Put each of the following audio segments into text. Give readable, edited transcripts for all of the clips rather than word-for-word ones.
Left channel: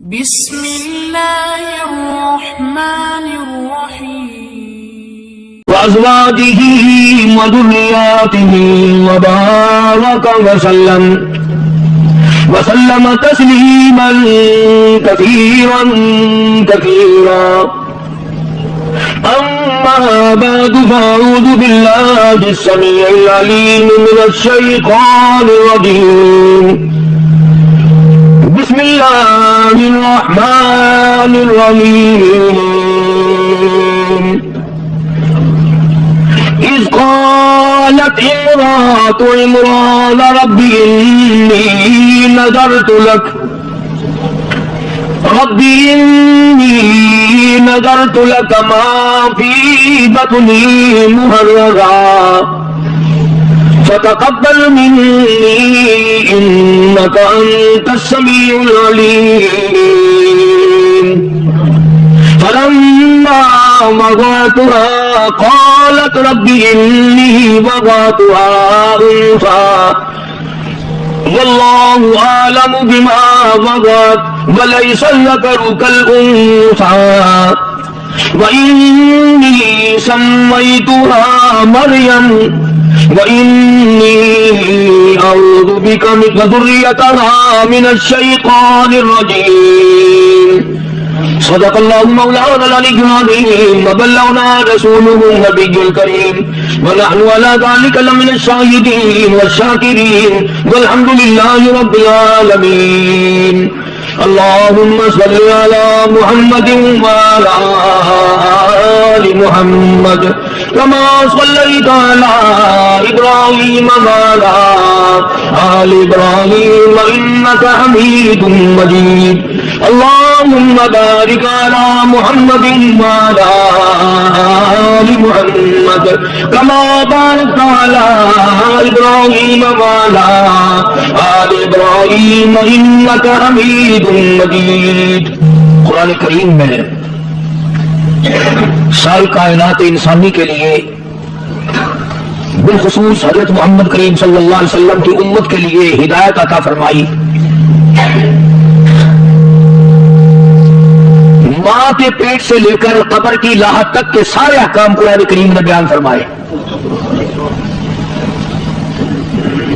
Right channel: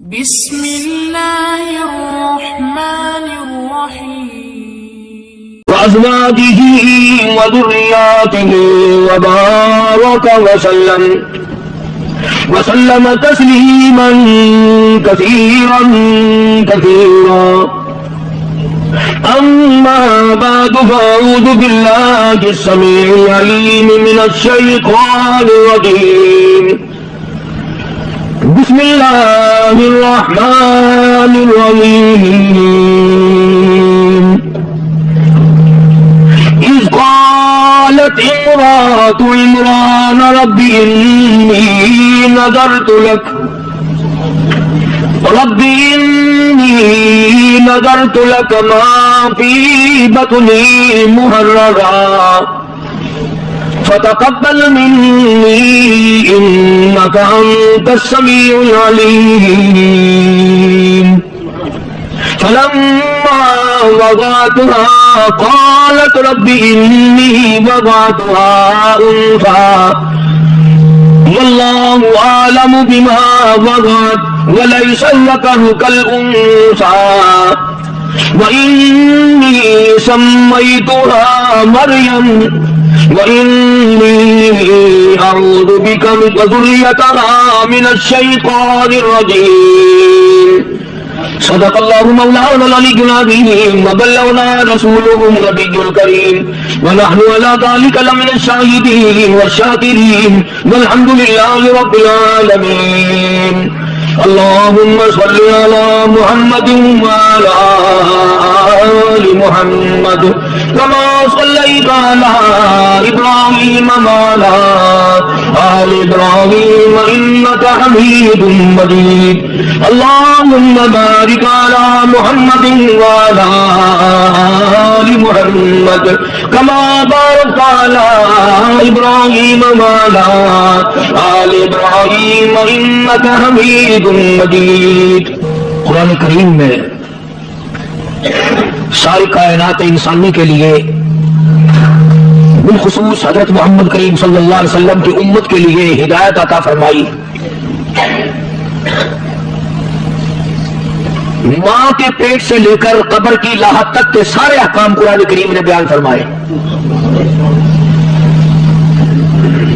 بسم اللہ الرحمن الرحیم وأزواجه وذرياته وبارك وسلم تسليما كثيرا كثيرا. أما بعد فأعوذ بالله السميع العليم من الشيطان الرجيم. بسم الله الرحمن الرحيم. إذ قالت امرأة عمران رب إني نذرت لك ما في بطني محررا فتقبل مني إنك أنت السميع العليم. فلما وضعتها قالت رب إني وضعتها أنثى والله أعلم بما وضعت وليس الذكر كالأنثى وإني سميتها مريم وإني أعوذ بك وذريتها من الشيطان الرجيم. صدق الله مولانا العلي العظيم وبلغنا رسوله النبي الكريم ونحن على ذلك لمن الشاهدين والشاكرين والحمد لله رب العالمين. اللهم صل على محمد وعلى آل محمد كما صليت على إبراهيم وعلى آل إبراهيم إنك حميد مجيد. اللهم بارك على محمد وعلى آل محمد كما باركت على إبراهيم وعلى آل إبراهيم إنك حميد مجيد. قرآن کریم میں ساری کائنات انسانی کے لیے بالخصوص حضرت محمد کریم صلی اللہ علیہ وسلم کی امت کے لیے ہدایت عطا فرمائی. ماں کے پیٹ سے لے کر قبر کی لاحق تک کے سارے احکام قرآن کریم نے بیان فرمائے.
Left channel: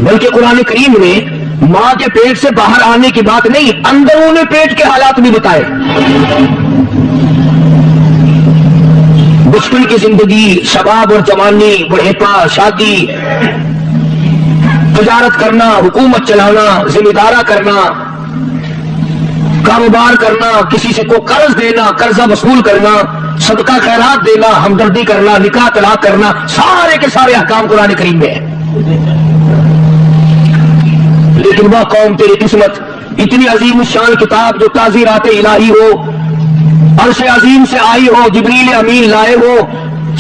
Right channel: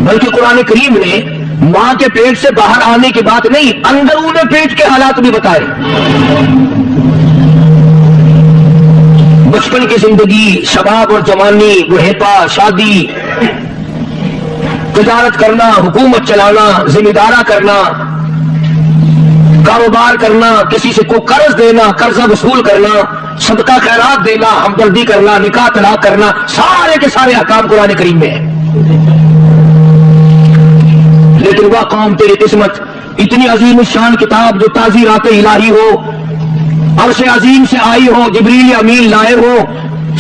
بلکہ قرآن کریم نے ماں کے پیٹ سے باہر آنے کی بات نہیں، اندرون پیٹ کے حالات بھی بتائے. بچپن کی زندگی، شباب اور جوانی، بڑھیپا، شادی، تجارت کرنا، حکومت چلانا، ذمہ دارا کرنا، کاروبار کرنا، کسی سے کو قرض دینا، قرضہ وصول کرنا، صدقہ خیرات دینا، ہمدردی کرنا، نکاح طلاق کرنا، سارے کے سارے احکام قرآن کریم میں ہیں. لیکن وہ قوم تیری قسمت، اتنی عظیم الشان کتاب جو تعزیرات الہی ہو، عرش عظیم سے آئی ہو، جبریل امین لائے ہو،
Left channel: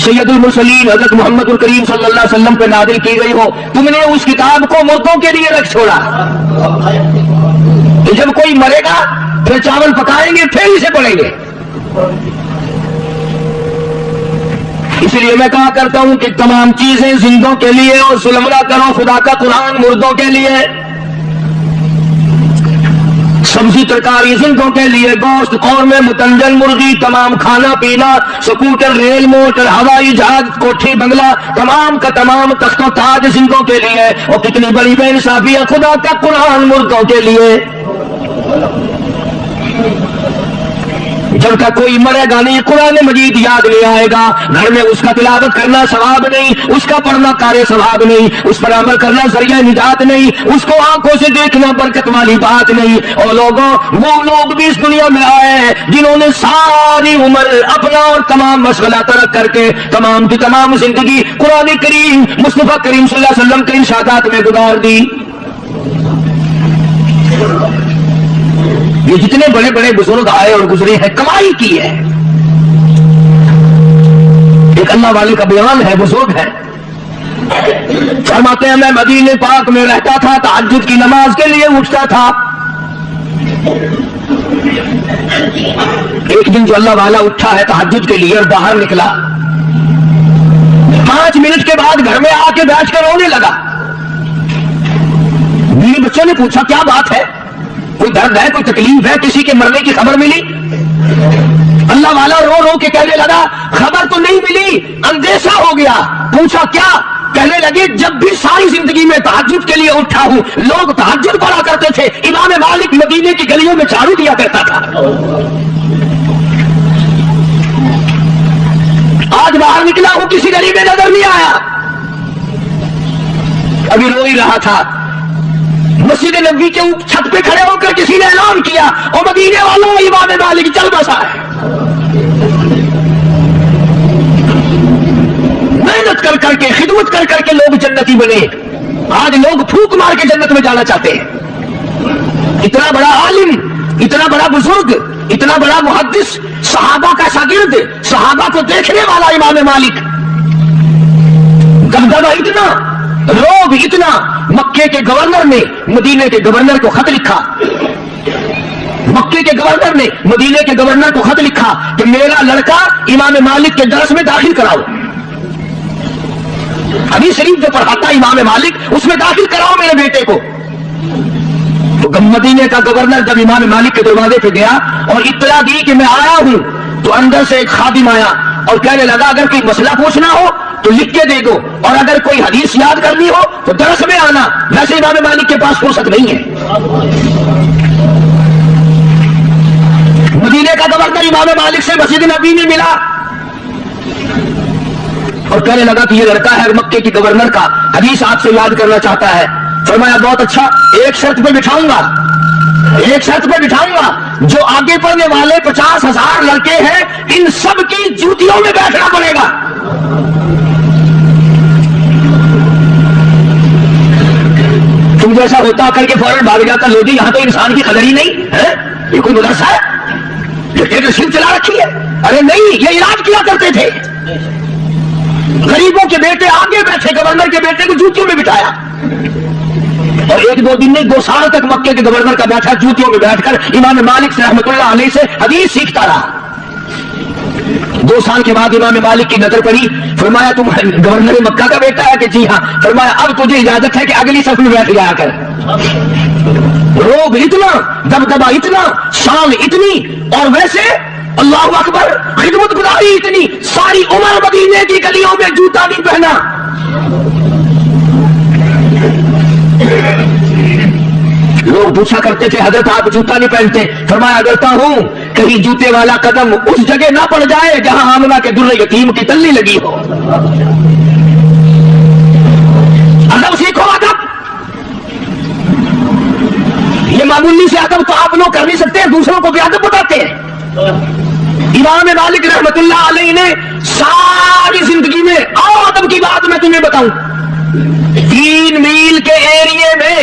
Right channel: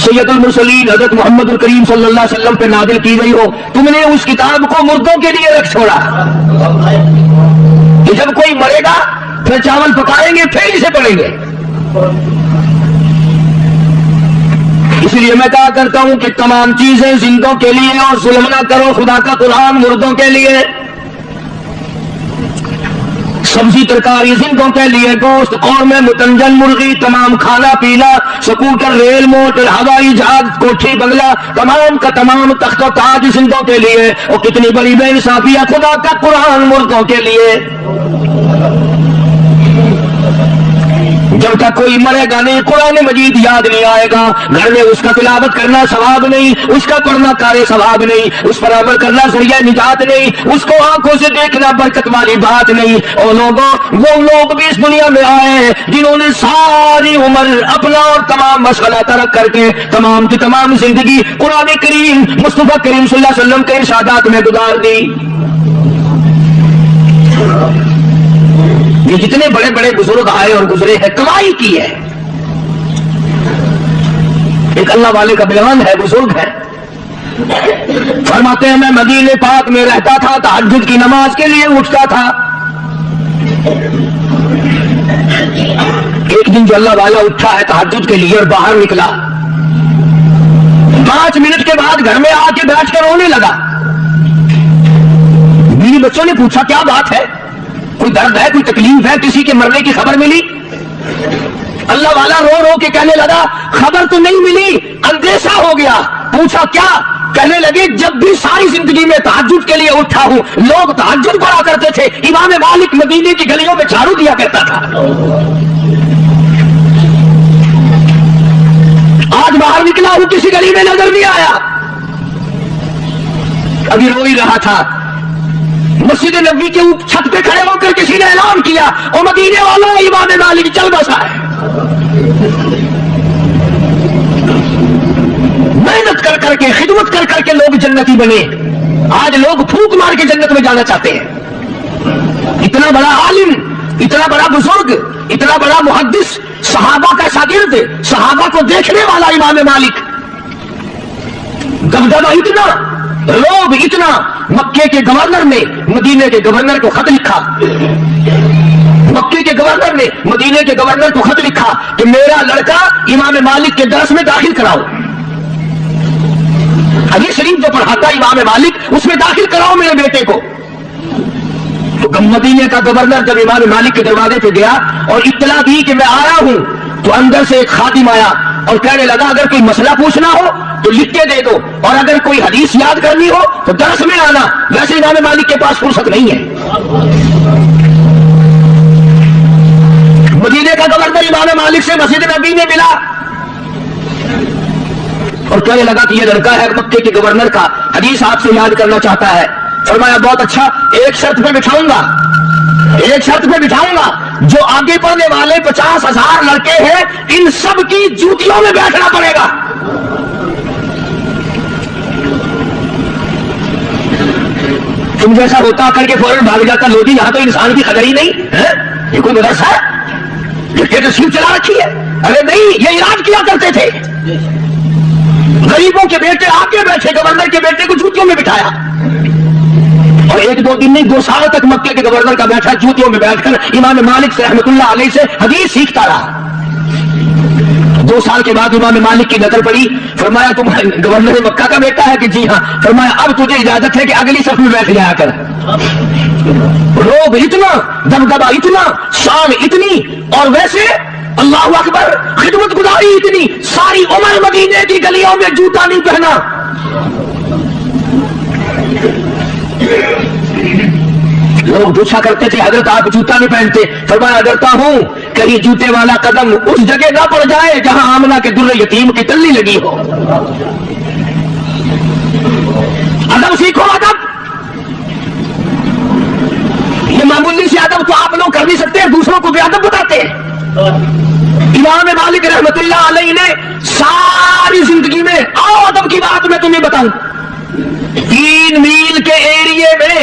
سید المرسلین حضرت محمد الکریم صلی اللہ علیہ وسلم پہ نازل کی گئی ہو، تم نے اس کتاب کو مردوں کے لیے رکھ چھوڑا کہ جب کوئی مرے گا پھر چاول پکائیں گے پھر اسے پڑھیں گے. اس لیے میں کہا کرتا ہوں کہ تمام چیزیں زندوں کے لیے اور ظلم نہ کرو، خدا کا قرآن مردوں کے لیے، سبزی ترکاری زندوں کے لیے، گوشت، قورمے، متنجن مرغی، تمام کھانا پینا، سکوٹر، ریل، موٹر، ہوائی جہاز، کوٹھی بنگلہ، تمام کا تمام تخت و تاج زندوں کے لیے. اور کتنی بڑی بے انصافی ہے، خدا کا قرآن مردوں کے لیے. جب تک کوئی مرے گا نہیں، قرآن مجید یاد نہیں آئے گا، گھر میں اس کا تلاوت کرنا ثواب نہیں، اس کا پڑھنا کارے ثواب نہیں، اس پر عمل کرنا ذریعہ نجات نہیں، اس کو آنکھوں سے دیکھنا برکت والی بات نہیں. اور لوگوں، وہ لوگ بھی اس دنیا میں آئے جنہوں نے ساری عمر اپنا اور تمام مشغلہ ترک کر کے تمام کی تمام زندگی قرآن کریم مصطفیٰ کریم صلی اللہ علیہ وسلم کے ارشادات میں گزار دی. یہ جتنے بڑے بڑے بزرگ آئے اور گزرے ہیں، کمائی کی ہے. ایک اللہ والے کا بیان ہے، بزرگ ہے، فرماتے ہیں میں مدینے پاک میں رہتا تھا، تہجد کی نماز کے لیے اٹھتا تھا. ایک دن جو اللہ والا اٹھا ہے تہجد کے لیے اور باہر نکلا، 5 منٹ کے بعد گھر میں آ کے بیٹھ کر رونے لگا. بیوی بچوں نے پوچھا کیا بات ہے، کوئی درد ہے, کوئی تکلیف ہے, کسی کے مرنے کی خبر ملی؟ اللہ والا رو رو کے کہنے لگا خبر تو نہیں ملی, اندیشہ ہو گیا. پوچھا کیا؟ کہنے لگے جب بھی ساری زندگی میں تہجد کے لیے اٹھا ہوں, لوگ تہجد پڑھا کرتے تھے, امام مالک مدینے کی گلیوں میں جھاڑو دیا کرتا تھا. آج باہر نکلا ہوں, کسی گلی میں نظر نہیں آیا. ابھی رو ہی رہا تھا, مسجد نبوی کے چھت پہ کھڑے ہو کر کسی نے اعلان کیا, او مدینے والوں, امام مالک چل بسا ہے. محنت کر کر کے, خدمت کر کر کے لوگ جنتی بنے. آج لوگ پھونک مار کے جنت میں جانا چاہتے ہیں. اتنا بڑا عالم, اتنا بڑا بزرگ, اتنا بڑا محدث, صحابہ کا شاگرد, صحابہ کو دیکھنے والا امام مالک, دبدبہ اتنا, روب اتنا. مکے کے گورنر نے مدینے کے گورنر کو خط لکھا, مکے کے گورنر نے مدینے کے گورنر کو خط لکھا کہ میرا لڑکا امام مالک کے درس میں داخل کراؤ. حدیث شریف جو پڑھاتا امام مالک, اس میں داخل کراؤ میرے بیٹے کو. تو مدینے کا گورنر جب امام مالک کے دروازے پہ گیا اور اطلاع دی کہ میں آیا ہوں, تو اندر سے ایک خادم آیا اور کہنے لگا اگر کوئی مسئلہ پوچھنا ہو تو لکھ کے دے دو, اور اگر کوئی حدیث یاد کرنی ہو تو درس میں آنا, ویسے امام مالک کے پاس فرصت نہیں ہے. مدینے کا گورنر امام مالک سے مسجد نبی میں ملا اور کہنے لگا کہ یہ لڑکا ہے مکے کے گورنر کا, حدیث آپ سے یاد کرنا چاہتا ہے. فرمایا بہت اچھا, ایک شرط پہ بٹھاؤں گا, ایک شرط پہ بٹھاؤں گا, جو آگے پڑھنے والے 50,000 لڑکے ہیں ان سب کی جوتیوں میں بیٹھنا پڑے گا. تم جیسا ہوتا کر کے فوراً بھاگ جاتا لوٹی, یہاں تو انسان کی قدر ہی نہیں ہے. یہ کوئی مدرسہ ہے کہ نصیب چلا رکھی ہے؟ ارے نہیں, یہ علاج کیا کرتے تھے. غریبوں کے بیٹے آگے بیٹھے, گورنر کے بیٹے کو جوتیوں میں بٹھایا, اور ایک دو دن نہیں 2 سال تک مکے کے گورنر کا بیٹھا جوتیوں میں بیٹھ کر امام مالک سے رحمۃ اللہ علیہ سے حدیث سیکھتا رہا. 2 سال کے بعد امام مالک کی نظر پڑی, فرمایا تم گورنر مکہ کا بیٹا ہے کہ جی ہاں. فرمایا اب تجھے اجازت ہے کہ اگلی صف میں بیٹھ جایا کر. روب اتنا, دبدبہ اتنا, شان اتنی, اور ویسے اللہ اکبر خدمت گزاری اتنی, ساری عمر مدینے کی گلیوں میں جوتا نہیں پہنا. لوگ پوچھا کرتے تھے حضرت آپ جوتا نہیں پہنتے؟ فرمایا ڈرتا ہوں کہیں جوتے والا قدم اس جگہ نہ پڑ جائے جہاں آمنہ کے در یتیم کی تلی لگی ہو. ادب سیکھو, ادب. یہ معمولی سے ادب تو آپ لوگ کر نہیں سکتے, دوسروں کو بھی ادب بتاتے ہیں. امام مالک رحمت اللہ علیہ نے ساری زندگی میں, آؤ ادب کی بات میں تمہیں بتاؤں, 3 میل کے ایریے میں,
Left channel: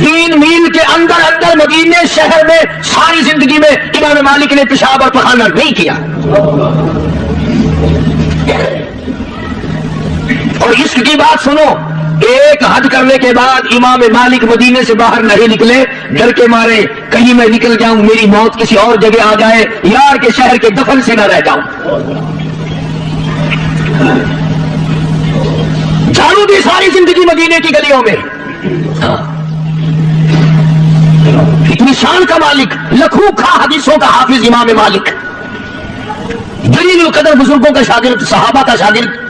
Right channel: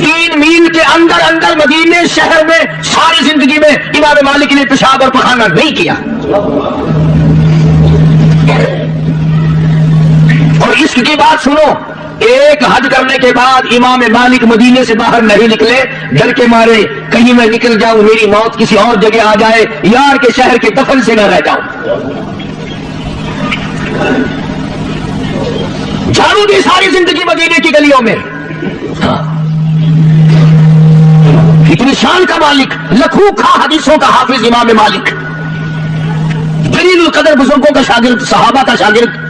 3 میل کے اندر مدینے شہر میں ساری زندگی میں امام مالک نے پیشاب اور پخانہ نہیں کیا. اور اس کی بات سنو, ایک حج کرنے کے بعد امام مالک مدینے سے باہر نہیں نکلے, ڈر کے مارے کہیں میں نکل جاؤں میری موت کسی اور جگہ آ جائے, یار کے شہر کے دفن سے نہ رہ جاؤں. جھاڑو دی ساری زندگی مدینے کی گلیوں میں. اتنی شان کا مالک, لکھوں کا حدیثوں کا حافظ امام مالک, جلیل القدر بزرگوں کا شاگرد, صحابہ کا شاگرد.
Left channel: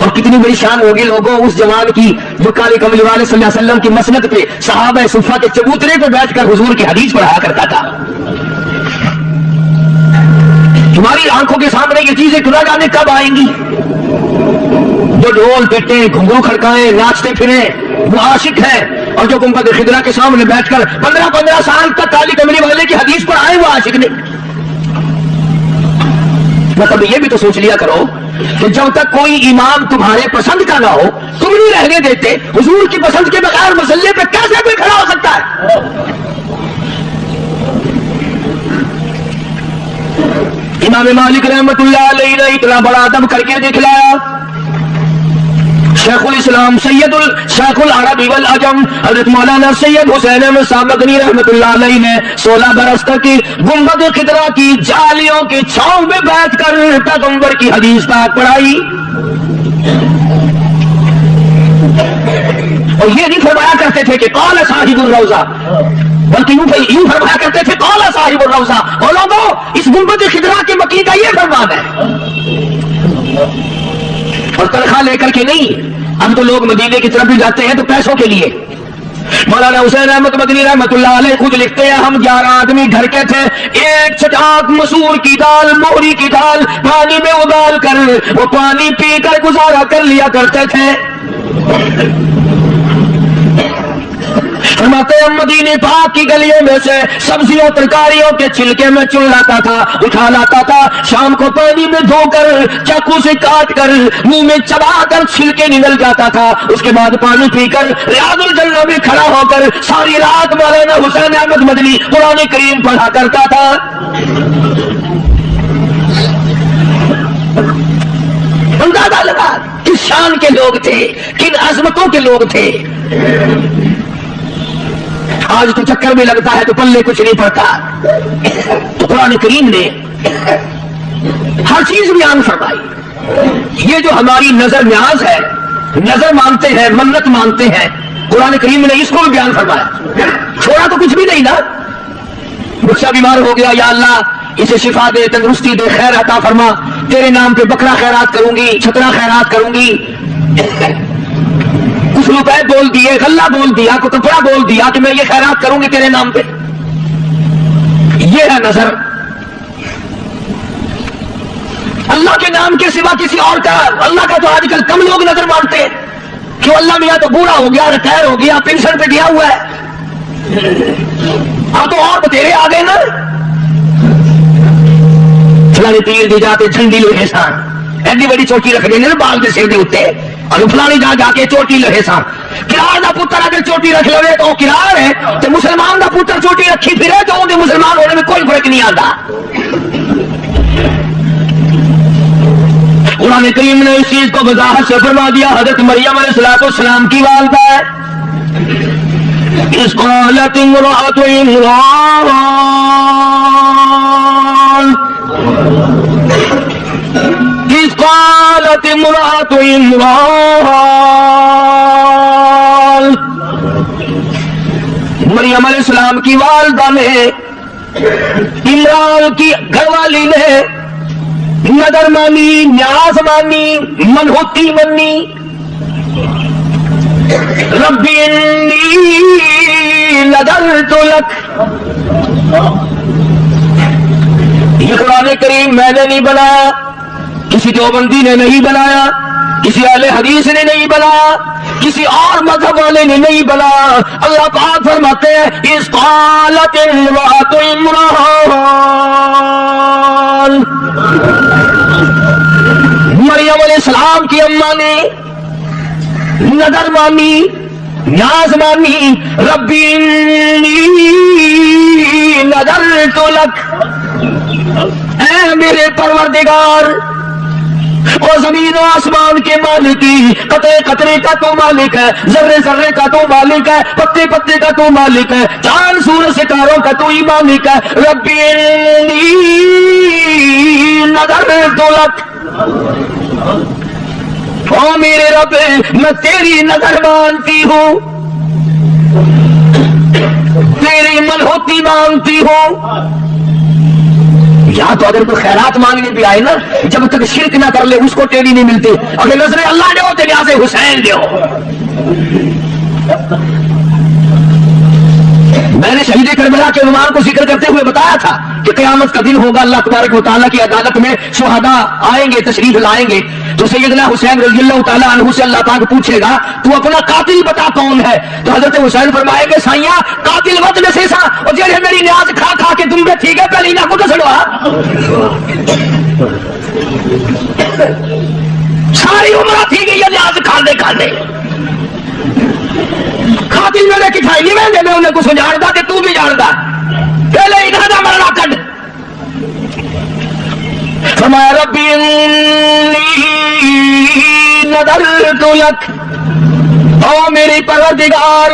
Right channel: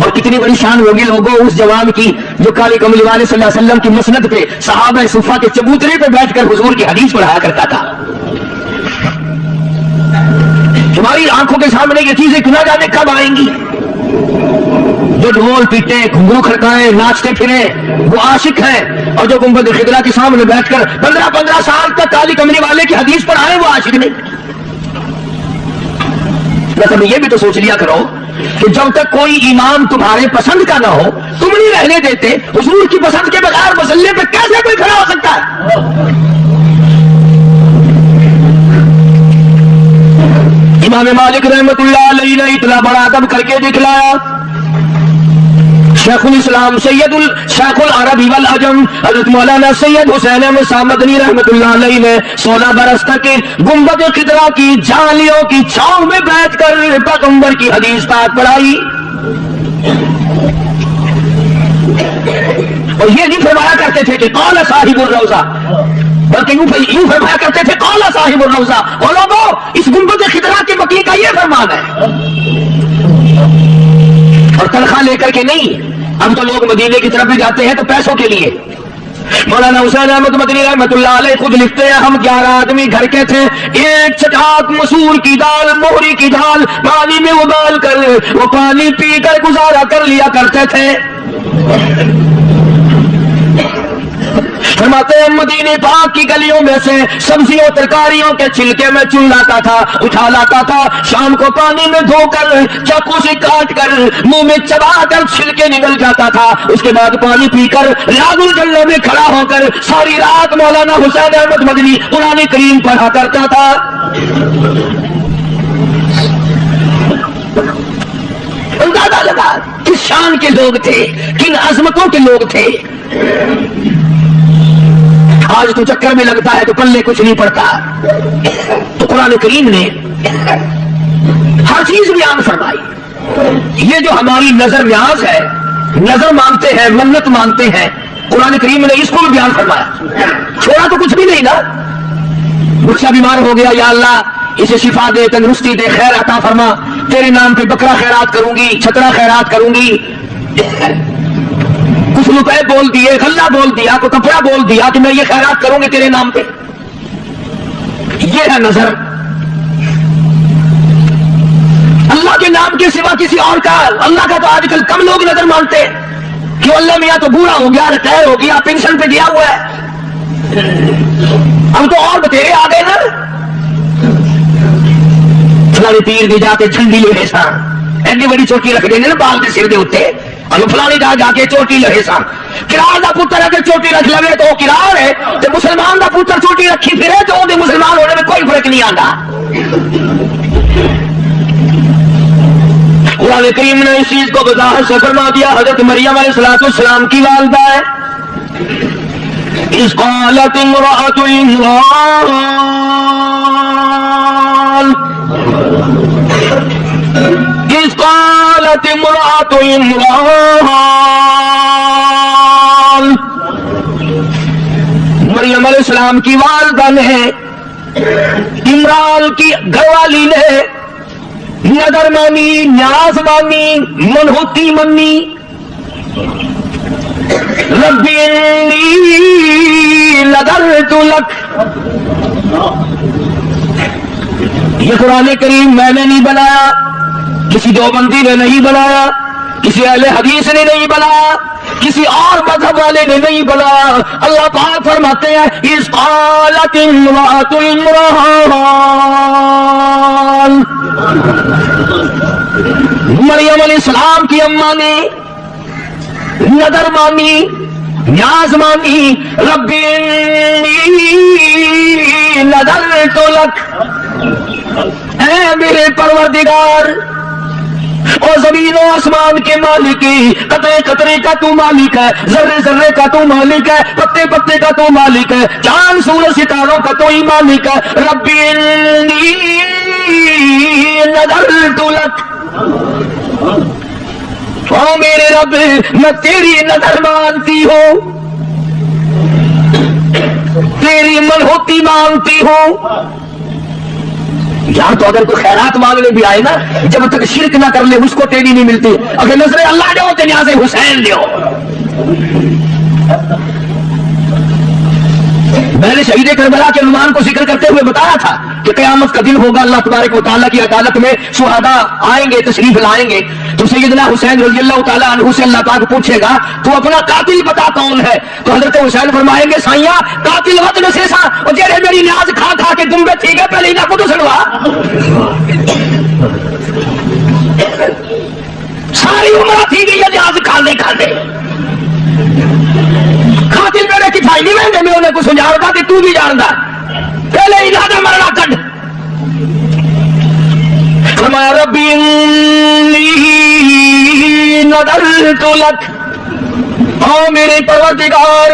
اور کتنی بڑی شان ہوگی لوگوں اس جوان کی جو کالے کملی والے صلی اللہ علیہ وسلم کی مسند پہ صحابہ صفا کے چبوترے پہ بیٹھ کر حضور کی حدیث پڑھایا کرتا تھا. تمہاری آنکھوں کے سامنے یہ چیزیں گناہ گانے کب آئیں گی؟ جو ڈھول پیٹے, گھنگرو کھڑکائے, ناچتے پھرے, وہ عاشق ہیں, اور جو گنبد خضرا کے سامنے بیٹھ کر 15 سال تک کالی کملی والے کی حدیث پڑھائے وہ عاشق نہیں. مطلب یہ بھی تو سوچ لیا کرو کہ جب تک کوئی امام تمہارے پسند کا نہ ہو تم نہیں رہنے دیتے, حضور کی پسند کے بغیر مسلے پہ کیسے کوئی کھڑا ہو سکتا ہے؟ امام مالک رحمت اللہ علیہ نے اتنا بڑا ادب کر کے دکھلایا. شیخ الاسلام شیخ العرب والعجم حضرت مولانا سید حسین احمد صاحب مدنی رحمت اللہ علیہ نے 16 برس تک گنبد خضرا کی جالیوں کی چھاؤں میں بیٹھ کر پیغمبر کی حدیث پاک پڑھائی. اور یہ نہیں فرمایا کرتے تھے کہ قال صاحب الروضہ، بلکہ یوں فرمایا کرتے تھے قال صاحب الروضہ. اور لوگوں اس گنبد خضرا کے مکی کا یہ فرمان ہے، اور تنخواہ لے کر کے نہیں. اب تو لوگ مدینے کی طرف بھی جاتے ہیں تو پیسوں کے لیے. مولانا حسین احمد مدنی رحمت اللہ علیہ خود لکھتے ہیں ہم 11 آدمی گھر کے تھے، ایک چٹاک مسور کی دال، موہری کی دال پانی میں ابال کر وہ پانی پی کر گزارا کر لیا کرتے تھے. فرماتے ہیں مدینے پاک کی گلیوں میں سے سبزیوں ترکاریوں کے چھلکے میں چن لاتا تھا، اٹھا لاتا تھا، شام کو پانی میں دھو کر چاقو سے کاٹ کر منہ میں چبا کر چھلکے نگل جاتا تھا. اس کے بعد پانی پی کر ریاض الجنہ میں کھڑا ہو کر ساری رات مولانا حسین احمد مدنی قرآن کریم پڑھا کرتا تھا. اندازہ لگا کس شان کے لوگ تھے، کن عظمتوں کے لوگ تھے. آج تو چکر میں لگتا ہے تو پلے کچھ نہیں پڑتا. تو قرآن کریم نے ہر چیز بیان فرمائی. یہ جو ہماری نظر نیاز ہے، نظر مانتے ہیں، منت مانتے ہیں، قرآن کریم نے اس کو بھی بیان فرمایا. چھوڑا تو کچھ بھی نہیں نا. بچہ بیمار ہو گیا، یا اللہ اسے شفا دے، تندرستی دے، خیر عطا فرما، تیرے نام پہ بکرا خیرات کروں گی، چھترا خیرات کروں گی. کچھ روپے بول دیے، غلہ بول دیا، کوئی کپڑا بول دیا کہ میں یہ خیرات کروں گی تیرے نام پہ. یہ ہے نظر. اللہ کے نام کے سوا کسی اور کا، اللہ کا تو آج کل کم لوگ نظر مانتے ہیں. کیوں؟ اللہ میاں تو بوڑھا ہو گیا، ریٹائر ہو گیا، پینشن پہ گیا ہوا ہے. اب تو اور بتیرے آ گئے نا. فلانی تیر دی جاتے چھنڈی لوہے سا ایڈی بڑی چوٹی رکھ دیں نا بال دے سر دے ہوتے، اور فلانی جا کے چوٹی لہے سا. کرار دا پتر اگر چوٹی رکھ لے تو وہ کرار ہے، تو مسلمان دا پتر چوٹی رکھی پھرے تو وہ مسلمان ہونے میں کوئی فرق نہیں آتا. قرآن کریم نے اس چیز کو وضاحت سے فرما دیا. حضرت مریم علیہ السلام کی والدہ ہے. اس قالت امرأة عمران، اس قالت امرأة عمران، مریم علیہ السلام کی والدہ نے، عمران کی گھر والی نے نظر مانی، نیاز مانی، منہوتی منی. رب انی نذرت لک. یہ قرآن کریم میں نے نہیں بنایا، کسی دیوبندی نے نہیں بنایا، کسی اہل حدیث نے نہیں بنایا، کسی اور مذہب والے نے نہیں بنایا. اللہ پاک فرماتے ہیں اس قالت امرأة عمران، مریم علیہ السلام کی اماں نے نظر مانی، نیاز مانی. رب انی نذرت لک، اے میرے پروردگار، او زمین و آسمان کے مالک، قطرے قطرے کا تو مالک ہے، ذرے ذرے کا تو مالک ہے، پتے پتے کا تو مالک ہے، چاند سورج ستاروں کا تو ہی مالک ہے. رب انی نذرت لک، او میرے رب میں تیری نظر مانتی ہوں، تیری منہوتی مانتی ہوں. یا تو اگر کوئی خیرات مانگنے بھی آئے نا، جب تک شرک نہ کر لے اس کو ٹیڑھی نہیں ملتی. اگر نظر اللہ دے ہو تو نیاز حسین دے ہو. میں نے شہید کربلا کے رومان کو ذکر کرتے ہوئے بتایا تھا کہ قیامت کا دن ہوگا، اللہ تبارک و تعالیٰ کی عدالت میں شہداء آئیں گے، تشریف لائیں گے، تو سیدنا حسین رضی اللہ تعالیٰ عنہ سے اللہ پاک پوچھے گا تو اپنا قاتل بتا کون ہے. تو حضرت حسین فرمائیں گے سائیاں قاتل وقت میں سے سا جیڑے میری نیاز کھا کھا کے تم ٹھیک ہے پہلے نہ کو سنوا ساری عمر تھی گئی ہے نیاز کھانے کھانے. قاتل میرے کٹھائی نہیں میں میں انہیں کو سنجھاڑتا کہ تو بھی جانتا پہلے ارادہ مرنا کٹ. فرمایا ربی انی نذرت لک، او میرے پروردگار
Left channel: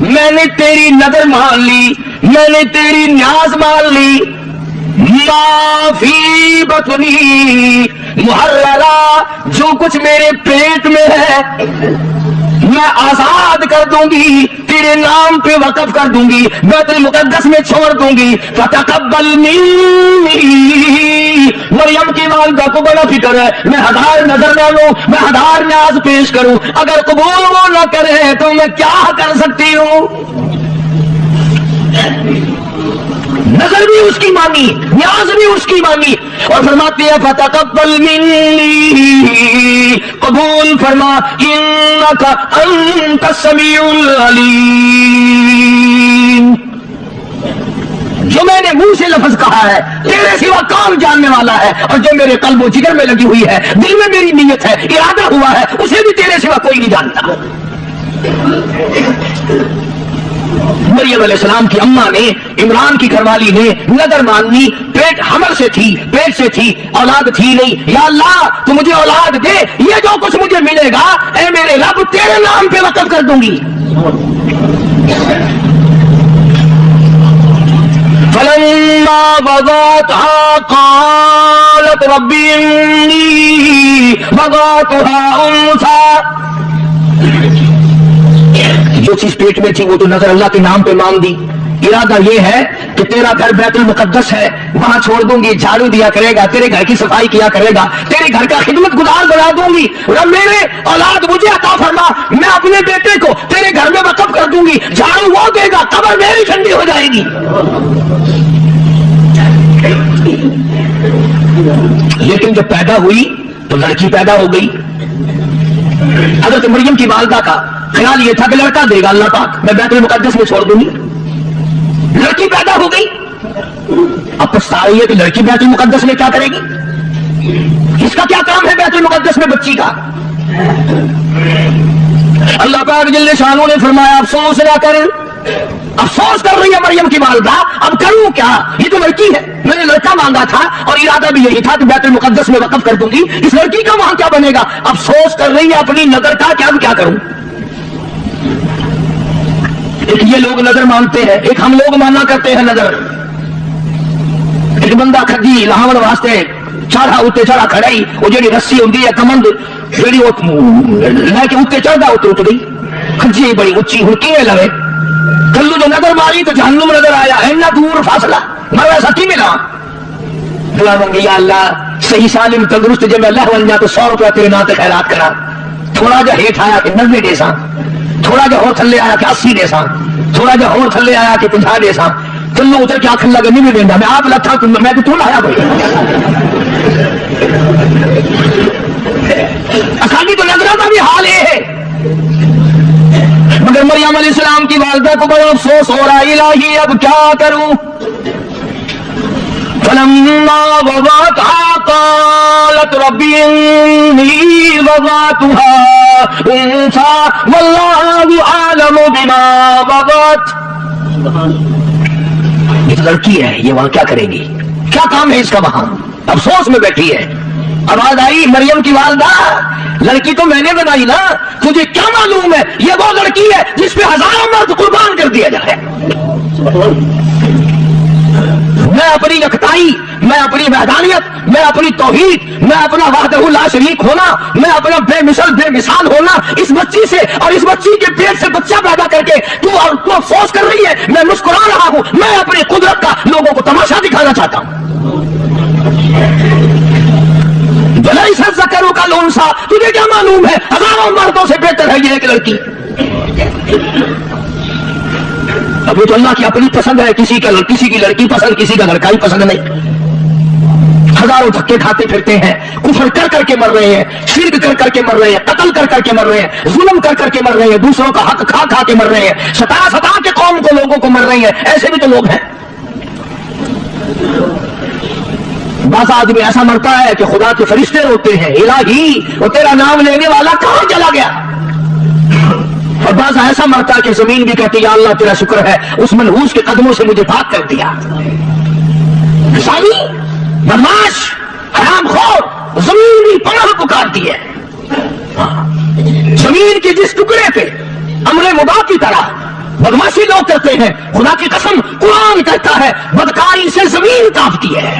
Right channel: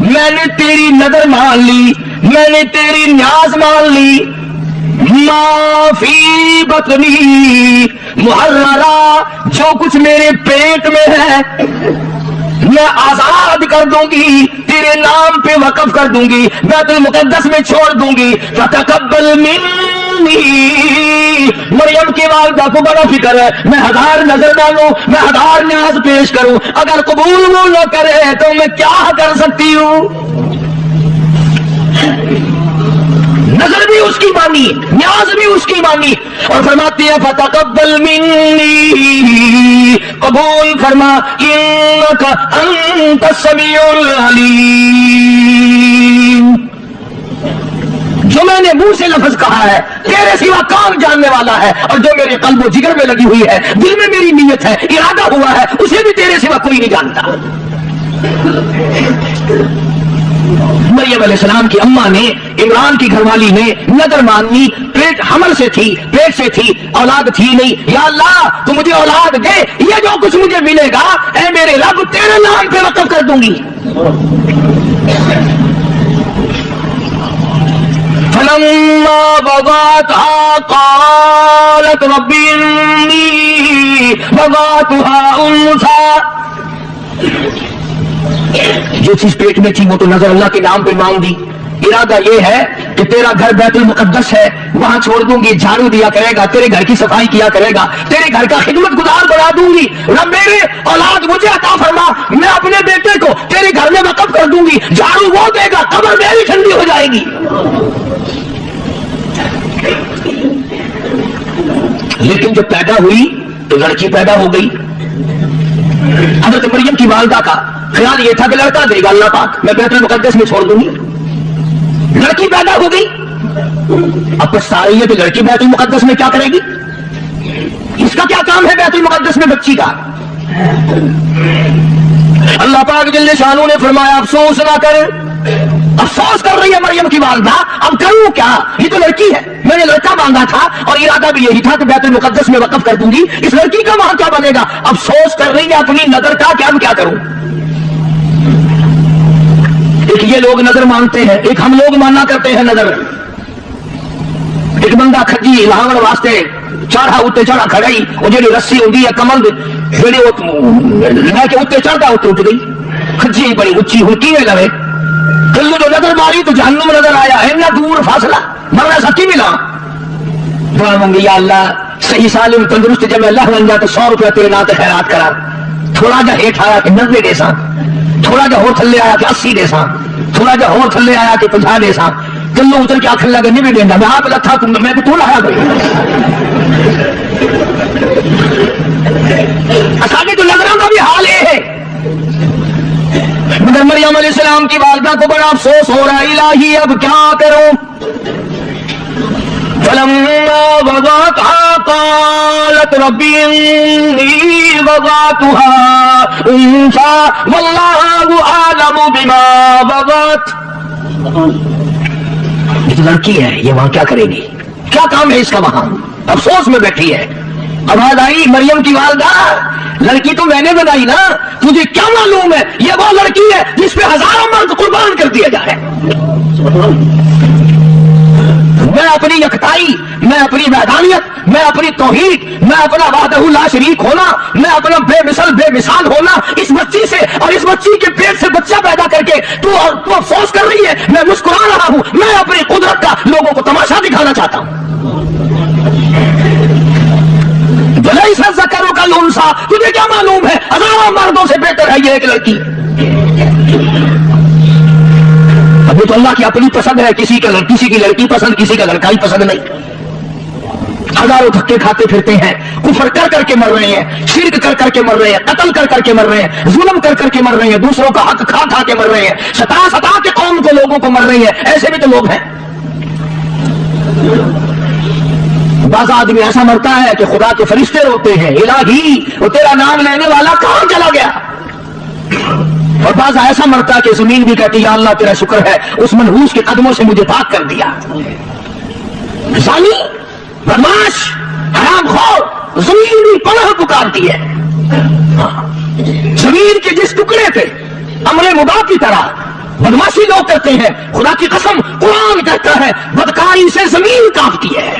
میں نے تیری نظر مان لی، میں نے تیری نیاز مان لی. ما فی بطنی محررہ، جو کچھ میرے پیٹ میں ہے میں آزاد کر دوں گی، تیرے نام پہ وقف کر دوں گی، بیت المقدس میں چھوڑ دوں گی۔ فتقبل منی، مریم کی والدہ کو بڑا فکر ہے، میں 1000 نظر مانوں، میں 1000 نیاز پیش کروں، اگر قبول وہ نہ کرے تو میں کیا کر سکتی ہوں؟ نظر بھی اس کی مانی، نیاز بھی اس کی مانی، اور فرماتی ہے فتقبل منی، قبول فرما، انک انت السمیع العلیم۔ جو میں نے منہ سے لفظ کہا ہے تیرے سوا کون جاننے والا ہے، اور جو میرے قلب و جگر میں لگی ہوئی ہے، دل میں میری نیت ہے، ارادہ ہوا ہے، اسے بھی تیرے سوا کوئی نہیں جانتا۔ مریم علیہ السلام کی اماں نے، عمران کی گھر والی نے نظر ماننی، پیٹ حمل سے تھی، پیٹ سے تھی، اولاد تھی نہیں، یا اللہ تو مجھے اولاد دے، یہ جو کچھ مجھے ملے گا اے میرے رب تیرے نام پہ وقف کر دوں گی۔ فلما وضعتها قالت رب إني وضعتها أنثى، جو چیز پیٹ میں تھی وہ تو نظر اللہ کے نام پہ مانگ دی، ارادہ یہ ہے کہ تیرا گھر بیت المقدس ہے، وہاں چھوڑ دوں گی، جھاڑو دیا کرے گا، تیرے گھر کی صفائی کیا کرے گا، تیرے گھر کا خدمت گزار بنا دوں گی، رب میرے اولاد مجھے عطا فرما، میں اپنے بیٹے کو تیرے گھر میں وقف کر دوں گی، جھاڑو وہ دے گا، قبر میری ٹھنڈی ہو جائے گی۔ لیکن جب پیدا ہوئی تو لڑکی پیدا ہو گئی۔ حضرت مریم کی والدہ کا خیال یہ تھا کہ لڑکا دے گا اللہ پاک، میں بیت المقدس میں چھوڑ دوں گی، لڑکی پیدا ہو گئی۔ اب پچھتائی ہے کہ لڑکی بیت المقدس میں کیا کرے گی، اس کا کیا کام ہے بیت المقدس میں بچی کا؟ اللہ پاک جل شانہ نے فرمایا افسوس نہ کر، افسوس کر رہی ہے مریم کی والدہ، اب کروں کیا، یہ تو لڑکی ہے، میں نے لڑکا مانگا تھا اور ارادہ بھی یہی تھا کہ بیت المقدس میں وقف کر دوں گی، اس لڑکی کا وہاں کیا بنے گا؟ افسوس کر رہی ہے اپنی نظر کا، کیا کروں؟ ایک یہ لوگ نظر مانگتے ہیں، ایک ہم لوگ ماننا کرتے ہیں نظر۔ ایک بندہ کھجی لاہور واسطے چڑھا اتنے چڑھا کھڑائی، وہ جڑی رسی ہوتی ہے کمند جڑی لے کے اتنے چڑھتا اتر گئی، کھجی بڑی اچھی ہوں کیویں لوے، کلو جو نظر ماری تو جہنم نظر آیا، اینا دور فاصلہ، مرا سچی ملا، دعا مانگی یا اللہ صحیح سالم تندرست جب میں اللہ بن جا تو 100 روپیہ تیرے نام تے خیرات کرا، تھوڑا جا ہیٹھ آیا کہ 90 دے ساں، تھوڑا جا ہور تھلے آیا کہ 80 دے ساں، تھوڑا جا ہور تھلے آیا کہ 50 دے ساں، کلو اتر کے آخر لگا نہیں بھی دینا، میں آپ لتھا میں تو توڑا آیا بھائی، اساں تو نظروں کا بھی حال یہ ہے۔ مگر مریم علیہ السلام کی والدہ کو بڑا افسوس ہو رہا، الہی اب کیا کروں؟ فلما وضعتها قالت رب إني وضعتها أنثى والله أعلم بما وضعت۔ یہ تو لڑکی ہے، یہ وہاں کیا کرے گی، کیا کام ہے اس کا وہاں؟ افسوس میں بیٹھی ہے۔ آواز آئی مریم کی والدہ، لڑکی تو میں نے بنائی نا، تجھے کیا معلوم ہے یہ وہ لڑکی ہے جس پہ ہزاروں مرد قربان کر دیا جائے۔ میں اپنی یکتائی، میں اپنی وحدانیت، میں اپنی توحید، میں اپنا وحدہ لا شریک ہونا، میں اپنا بے مثال ہونا اس بچی سے، اور اس بچی کے پیٹ سے بچہ پیدا کر کے تو افسوس کر رہی ہے، میں مسکرا رہا ہوں، میں اپنی قدرت کا لوگوں کو تماشا دکھانا چاہتا ہوں۔ ليس الذكر كالأنثى، تجھے کیا معلوم ہے ہزاروں مردوں سے بہتر ہے یہ ایک لڑکی۔ ابھی تو اللہ کی اپنی پسند ہے، کسی کی لڑکی پسند، کسی کا لڑکا ہی پسند نہیں۔ ہزاروں دھکے کھاتے پھرتے ہیں، کفر کر کر کے مر رہے ہیں، شرک کر کر کے مر رہے ہیں، قتل کر کر کے مر رہے ہیں، ظلم کر کر کے مر رہے ہیں، دوسروں کا حق کھا کھا کے مر رہے ہیں، ستا کے قوم کو لوگوں کو مر رہی ہے، ایسے بھی تو لوگ ہیں۔ بعض آدمی ایسا مرتا ہے کہ خدا کے فرشتے روتے ہیں، الہی وہ تیرا نام لینے والا کہاں چلا گیا، اور بعض ایسا مرتا ہے کہ زمین بھی کہتی یا اللہ تیرا شکر ہے اس منحوس کے قدموں سے مجھے پاک کر دیا۔ ظالم، بدماش، حرام خور، زمین بھی پناہ پکارتی ہے۔ زمین کے جس ٹکڑے پہ امر مباح کی طرح بدماشی لوگ کرتے ہیں، خدا کی قسم قرآن کہتا ہے بدکاری سے زمین کانپتی ہے۔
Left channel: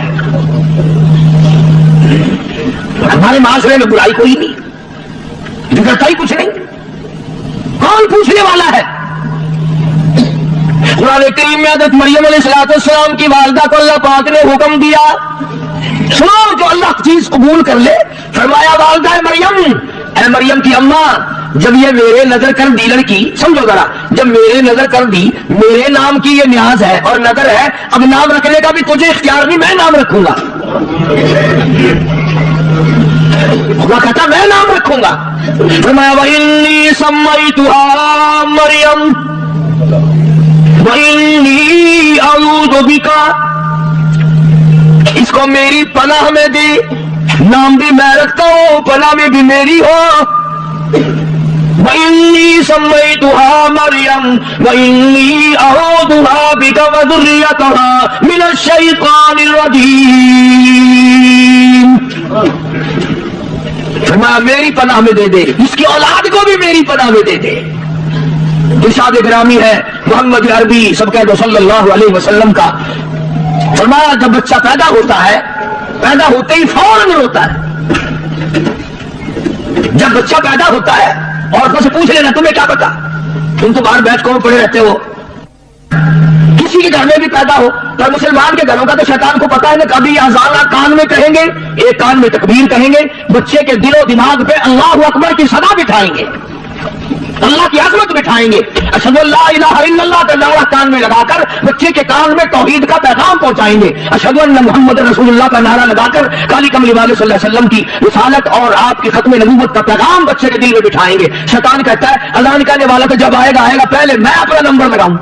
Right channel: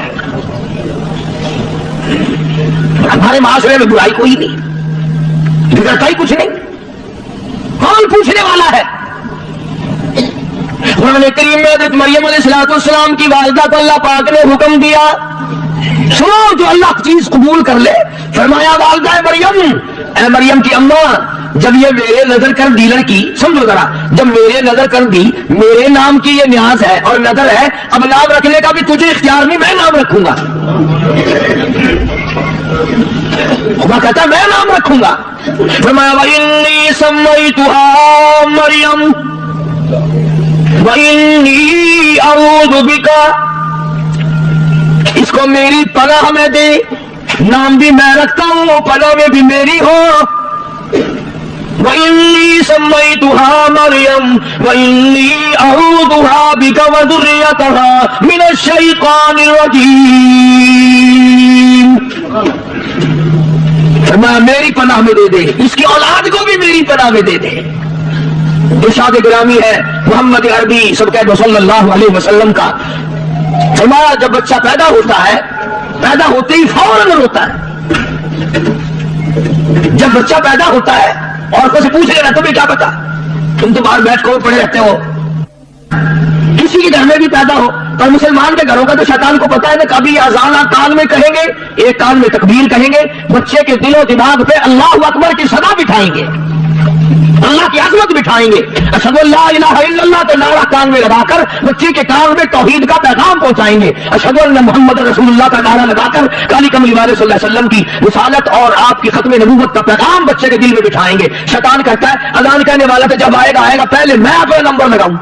ہمارے معاشرے میں برائی کوئی نہیں، بگڑتا ہی کچھ نہیں، کون پوچھنے والا ہے؟ قرآن کریم میں حضرت مریم علیہ السلام کی والدہ کو اللہ پاک نے حکم دیا، سنو جو اللہ کی چیز قبول کر لے، فرمایا والدہ مریم، اے مریم کی اماں، جب یہ میرے نظر کر دی لڑکی، سمجھو ذرا، جب میرے نظر کر دی، میرے نام کی یہ نیاز ہے اور نظر ہے، اب نام رکھنے کا بھی تجھے اختیار نہیں، میں نام رکھوں گا۔ خدا کہتا میں نام رکھوں گا۔ فرمایا وَإِنِّي سَمَّيْتُهَا مَرْيَمَ وَإِنِّي أَعُوذُ بِكَ، اس کو میری پناہ میں دے، نام بھی میں رکھتا ہوں، پناہ میں بھی میری ہو۔ وَإِنِّي سَمَّيْتُهَا مَرْيَمَ وَإِنِّي أَعُوذُهَا بِكَ وَذُرِّيَّتَهَا مِنَ الشَّيْطَانِ الرَّجِيمِ۔ فرمایا میری پناہ میں دے دے، اس کی اولاد کو بھی میری پناہ میں دے دے۔ ارشاد گرامی ہے محمد عربی سب کہہ دو صلی اللہ علیہ وسلم کا، فرمایا جب بچہ پیدا ہوتا ہے، پیدا ہوتے ہی فوراً روتا ہے۔ جب بچہ پیدا ہوتا ہے عورتوں سے پوچھ لینا تمہیں کیا پتا، تم تو باہر بیٹھ کر پڑے رہتے ہو، کسی کے گھر میں بھی پیدا ہو، پر مسلمان کے گھروں کا تو شیطان کو پتا ہے کہ کبھی اذان کان میں کہیں گے، ایک کان میں تکبیر کہیں گے، بچے کے دل و دماغ پہ اللہ اکبر کی صدا بٹھائیں گے، اللہ کی عظمت بٹھائیں گے، اشہد ان لا الہ الا اللہ کا نعرہ کان میں لگا کر بچے کے کان میں توحید کا پیغام پہنچائیں گے، اشہد ان محمد رسول اللہ کا نعرہ لگا کر کالی کملی والے صلی اللہ علیہ وسلم کی رسالت اور آپ کی ختم نبوت کا پیغام بچے کے دل میں بٹھائیں گے۔ شیطان کہتا ہے اذان کہنے والا تو جب آئے گا پہلے میں اپنا نمبر لگاؤں،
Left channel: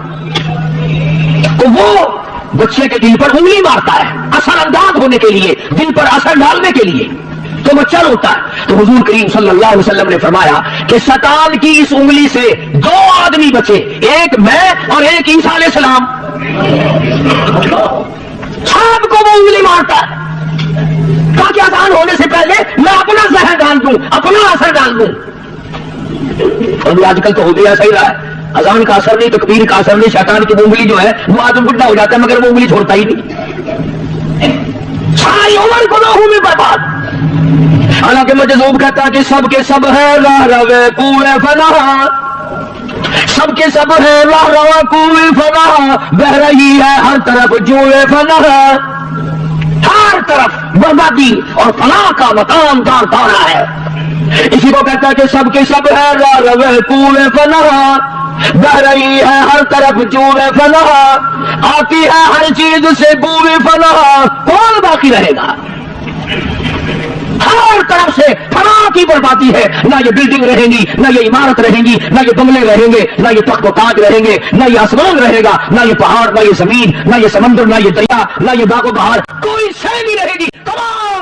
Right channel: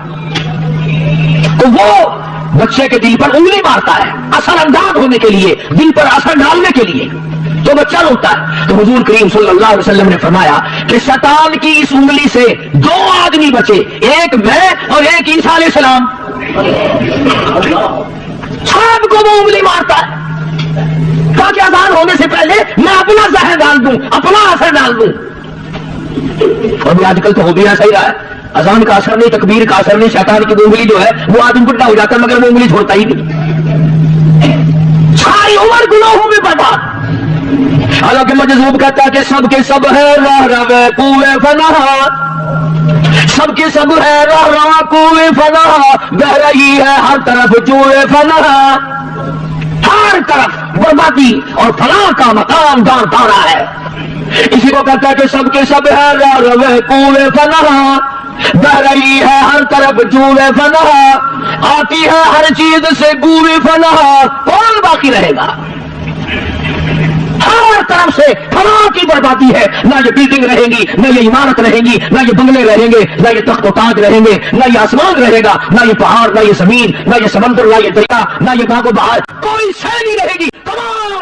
تو وہ بچے کے دل پر انگلی مارتا ہے اثر انداز ہونے کے لیے، دل پر اثر ڈالنے کے لیے، تو بچہ روتا ہے۔ تو حضور کریم صلی اللہ علیہ وسلم نے فرمایا کہ شیطان کی اس انگلی سے دو آدمی بچے، ایک میں اور ایک عیسیٰ علیہ السلام، سب کو وہ انگلی مارتا ہے۔ کہا کہ اذان ہونے سے پہلے میں اپنا زہر ڈال دوں، اپنا اثر ڈال دوں۔ اور آج کل تو ہو گیا صحیح رہا ہے، اذان کا اثر نہیں، تکبیر کا اثر نہیں، شیطان کی انگلی جو ہے وہ آدم بٹھا ہو جاتا ہے مگر وہ انگلی چھوڑتا ہی نہیں، ساری عمر گناہوں میں برباد۔ حالانکہ مجذوب کہتا کہ سب کے سب ہے راہ روے کوئے فنا، سب کے سب ہے راہ روا کوئے فنا، بہ رہی ہے ہر طرف جوئے فنا، ہر طرف بربادی اور فنا کا مقام دار دارا ہے۔ اسی کو کہتا ہے کہ سب کے سب ہے راہ روے کوئے فنا، بہ رہی ہے ہر طرف جوئے فنا، آتی ہے ہر چیز سے بوئے فنا، کون باقی رہے گا؟ ہر طرف سے فنا کی بربادی ہے، نہ یہ بلڈنگ رہیں گی، نہ یہ عمارت رہیں گی، نہ یہ بنگلے رہیں گے، نہ یہ تخت و تاج رہیں گے، نہ یہ آسمان رہے گا، نہ یہ پہاڑ، نہ یہ زمین، نہ یہ سمندر، نہ یہ دریا، نہ یہ باغ و بہار، کوئی شے نہیں رہے گی، تمام